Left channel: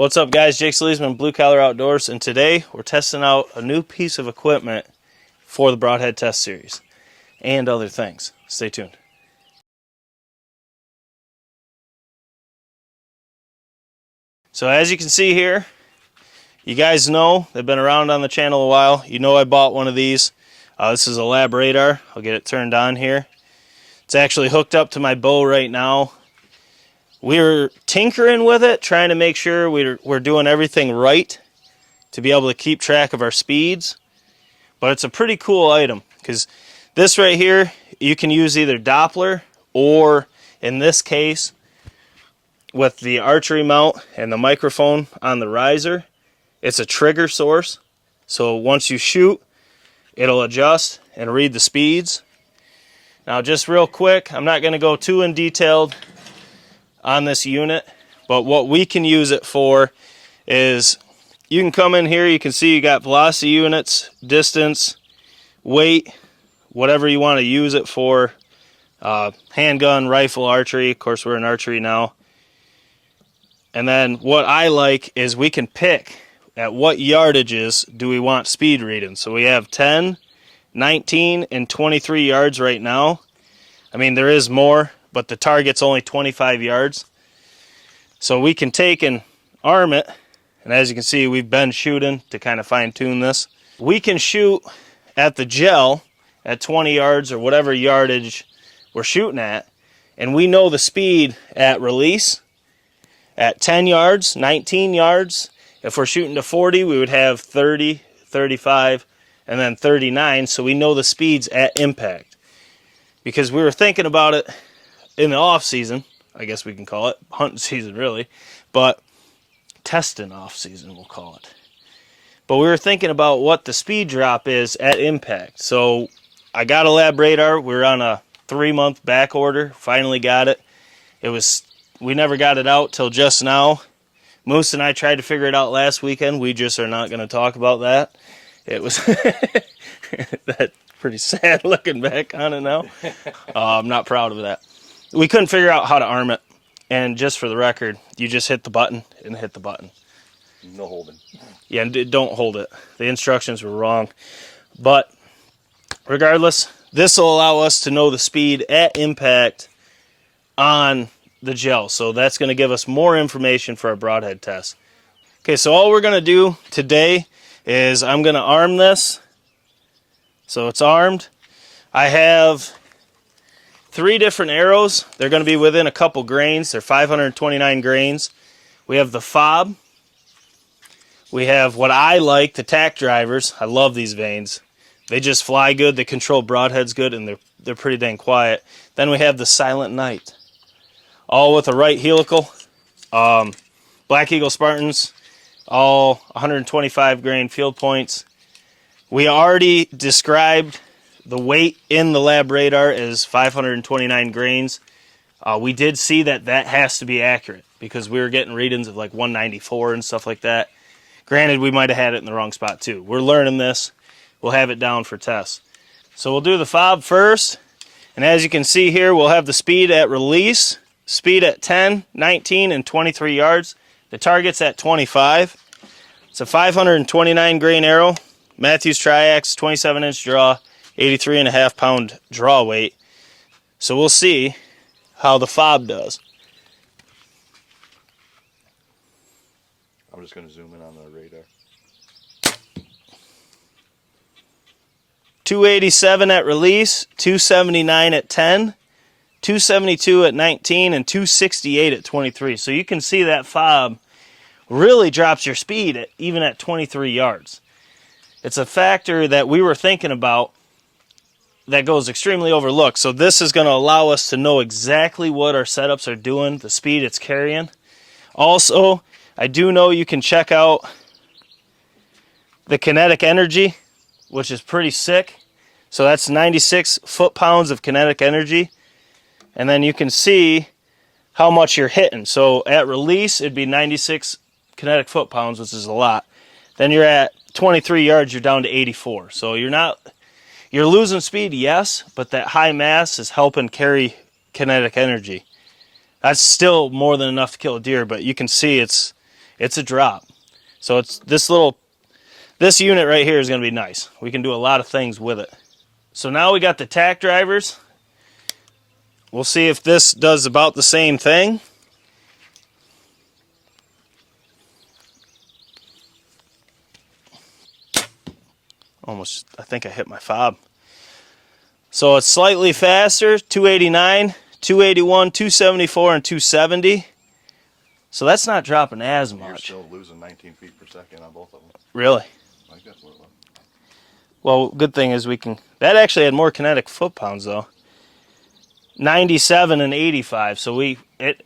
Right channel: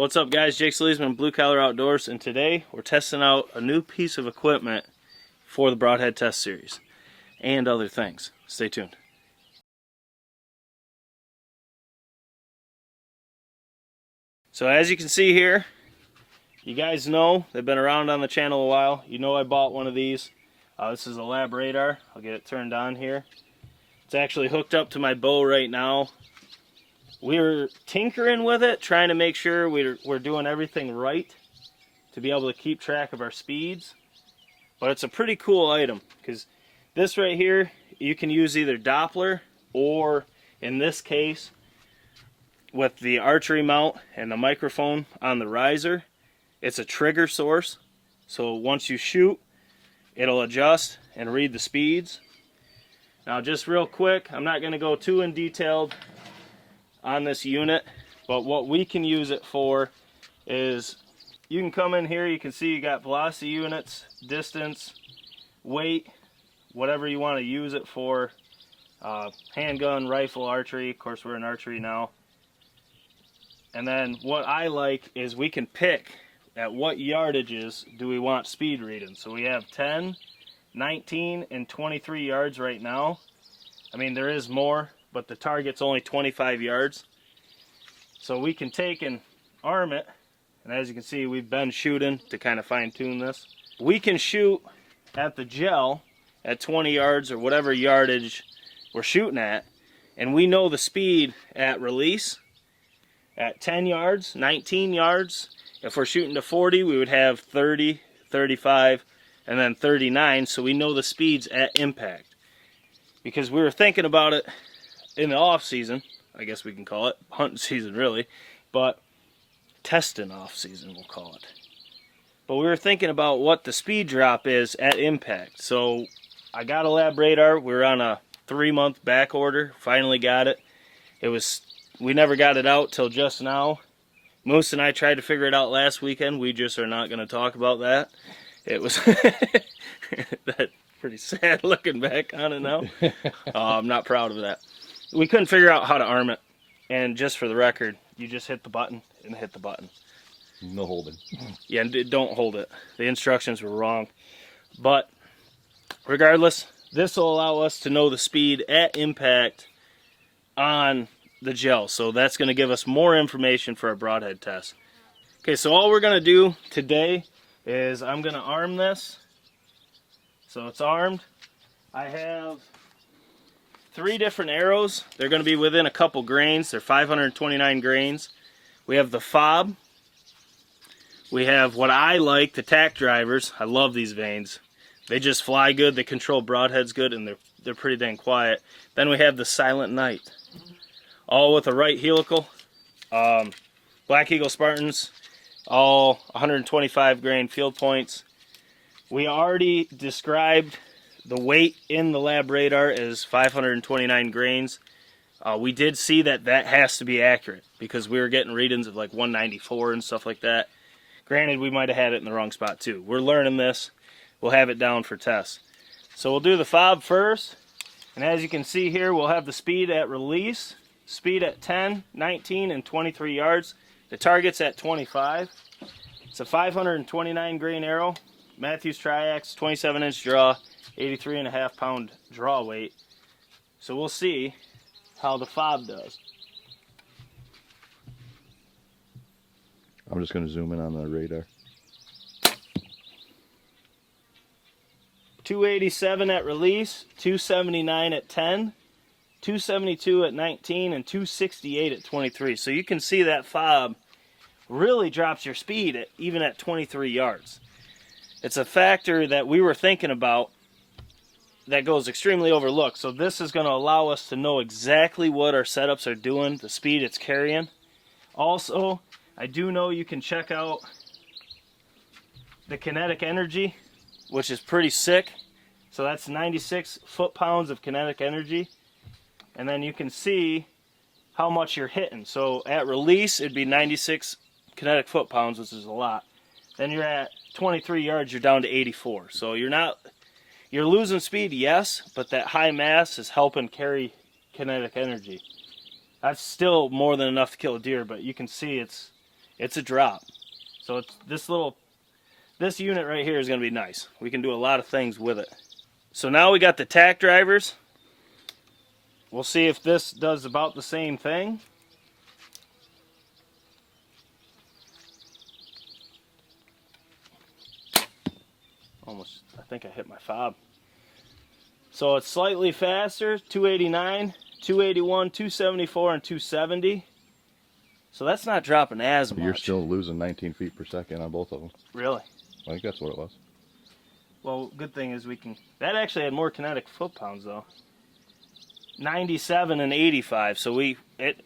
What's up, guys? Jake SLEASMAN, Blue Collar Outdoors, and today we're testing out a new piece of equipment for the Broadhead Test Series and other things. Stay tuned. So as you can see here, you guys know, they've been around on the channel a while. You know I bought one of these. This is a labradar. I'll get it turned on here. It's actually hooked up to my bow right now. We're tinkering with it, trying to make sure we're doing everything right to be able to keep track of our speeds. But it's a pretty cool item because this right here, you can use either Doppler or, in this case, with the archery mount and the microphone on the riser, it's a trigger source. So once you shoot, it'll adjust and read the speeds. Now just real quick, I'm not going to go too in detail on this unit, but what we can use it for is you can come in here, you can see you got velocity units, distance, weight, whatever you want to use it for, handgun, rifle, archery. Of course, we're in archery now. And then what I like is we can pick at what yardages do we want speed reading. So we have 10, 19, and 23 yards right now. I mean, there is more, but the target's only 25 yards. So we can take and arm it. And as you can see, we've been shooting to kind of fine tune this. We can shoot at the gel at 20 yards or whatever yardage we're shooting at. And we know the speed at release at 10 yards, 19 yards. If we're shooting to 40, we would have 30, 35, and then 39. So we know the speeds at impact. Because we were thinking about it in the off season, I guess we can call it, hunting season really, but testing off season we'll call it. But we were thinking about what the speed drop is at impact. So I got a labradar. We're on a 3-month back order. Finally got it. We never got it out till just now. Moose and I tried to figure it out last weekend. We just are not going to talk about that. It was that pretty sad looking back on it now. I'm not proud of that. We couldn't figure out how to arm it. And just for the record, you just hit the button and hit the button. No holding. Yeah, don't hold it. The instructions were wrong. But regardless, this will allow us to know the speed at impact on the gel. So that's going to give us more information for our broadhead test. Okay, so all we're going to do today is I'm going to arm this. So it's armed. I have 3 different arrows. They're going to be within a couple grains. They're 529 grains. We have the fob. We have what I like, the tack drivers. I love these vanes. They just fly good. They control broadheads good, and they're pretty dang quiet. Then we have the Silent Night, all with a right helical. Black Eagle Spartans, all 125 grain field points. We already described the weight in the labradar as 529 grains. We did see that has to be accurate because we were getting readings of like 194 and stuff like that. Granted, we might have had it in the wrong spot too. We're learning this. We'll have it down for tests. So we'll do the fob first. And as you can see here, we'll have the speed at release, speed at 10, 19, and 23 yards. The target's at 25. It's a 529 grain arrow. Matthews Triax, 27-inch draw, 83.5 pound draw weight. So we'll see how the fob does. I'm just going to zoom in on the radar. 287 at release, 279 at 10, 272 at 19, and 268 at 23. So you can see that fob really drops your speed even at 23 yards. It's a factor that we were thinking about that goes extremely overlooked. So this is going to allow us to know exactly what our setups are doing, the speed it's carrying. Also, I do know you can check out the kinetic energy, which is pretty sick. So that's 96 foot-pounds of kinetic energy. And then you can see how much you're hitting. So at release, it'd be 96 kinetic foot-pounds, which is a lot. Then you're at 23 yards, you're down to 84. So you're losing speed, yes, but that high mass is helping carry kinetic energy. That's still more than enough to kill a deer, but you can see it's It's a drop. So it's this unit right here is going to be nice. We can do a lot of things with it. So now we got the tack drivers. We'll see if this does about the same thing. Almost, I think I hit my fob. So it's slightly faster, 289, 281, 274, and 270. So that's not dropping as much. You're still losing 19 feet per second on both of them. Really? I think that's what it was. Well, good thing is we can... That actually had more kinetic foot-pounds, though. 97 and 85. So a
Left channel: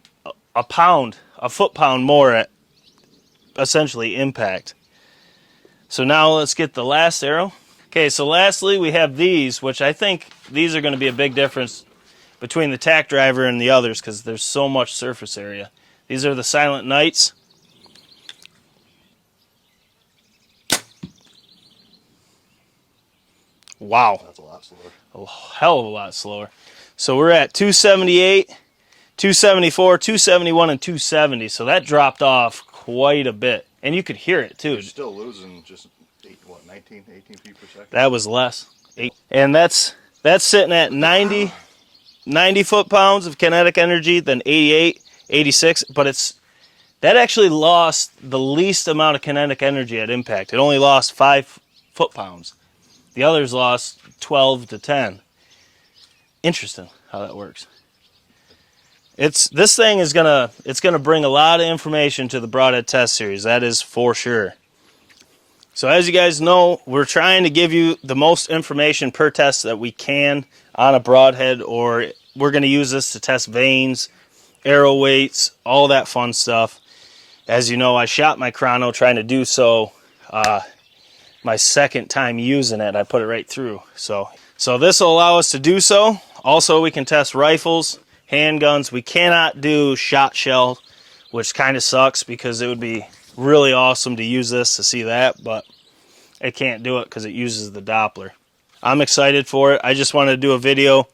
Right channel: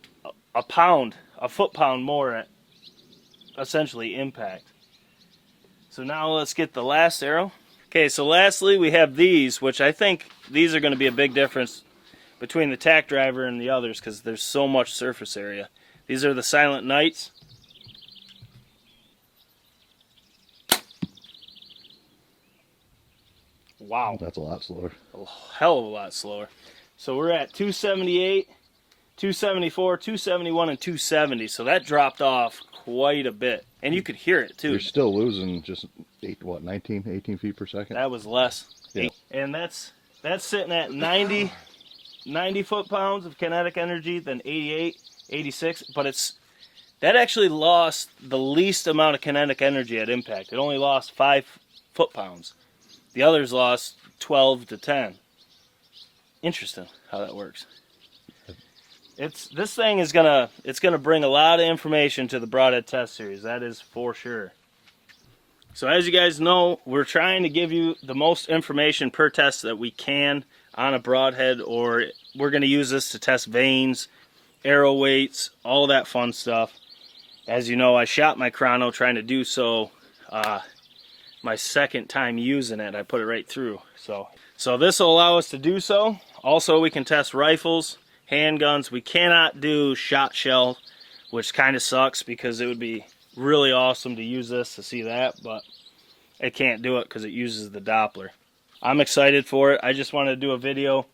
foot-pound more at essentially impact. So now let's get the last arrow. Okay, so lastly we have these, which I think these are going to be a big difference between the tack driver and the others because there's so much surface area. These are the Silent Knights. Wow. That's a lot slower. A hell of a lot slower. So we're at 278, 274, 271, and 270. So that dropped off quite a bit. And you could hear it too. You're still losing just 18 feet per second? That was less. Yeah. And that's sitting at 90 foot-pounds of kinetic energy, then 88, 86, but that actually lost the least amount of kinetic energy at impact. It only lost 5 foot-pounds. The others lost 12 to 10. Interesting how that works. This thing is gonna bring a lot of information to the Broadhead test series. That is for sure. So as you guys know, we're trying to give you the most information per test that we can on a broadhead, or we're going to use this to test vanes, arrow weights, all that fun stuff. As you know, I shot my chrono trying to do so. My second time using it, I put it right through. So this will allow us to do so. Also, we can test rifles, handguns. We cannot do shot shell, which kind of sucks because it would be really awesome to use this to see that, but it can't do it because it uses the Doppler. I'm excited for it. I just want to do a video,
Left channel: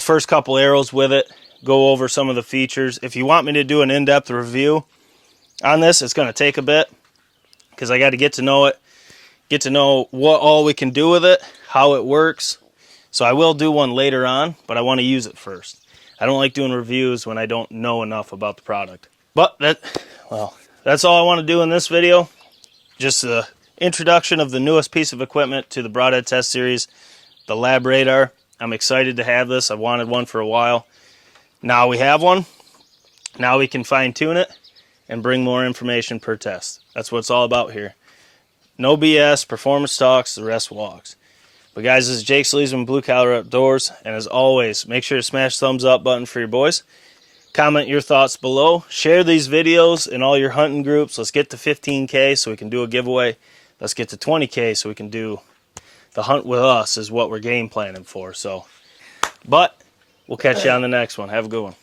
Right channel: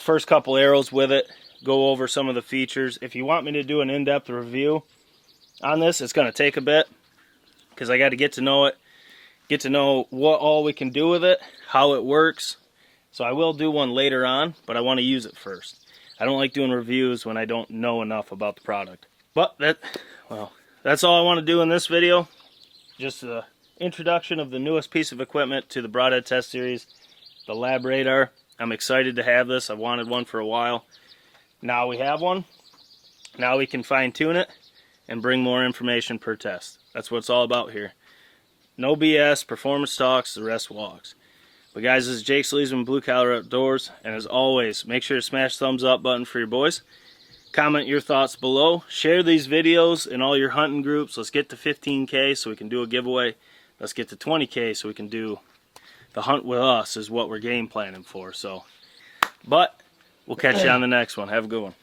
first couple arrows with it, go over some of the features. If you want me to do an in-depth review on this, it's going to take a bit because I got to get to know it, get to know what all we can do with it, how it works. So I will do one later on, but I want to use it first. I don't like doing reviews when I don't know enough about the product. But that's all I want to do in this video. Just an introduction of the newest piece of equipment to the Broadhead test series, the labradar. I'm excited to have this. I've wanted one for a while. Now we have one. Now we can fine tune it and bring more information per test. That's what it's all about here. No BS, performance talks, the rest walks. But guys, this is Jake SLEASMAN, Blue Collar Outdoors, and as always, make sure to smash the thumbs up button for your boys. Comment your thoughts below. Share these videos in all your hunting groups. Let's get to 15K so we can do a giveaway. Let's get to 20K so we can do the hunt with us is what we're game planning for. But we'll catch you on the next one. Have a good one.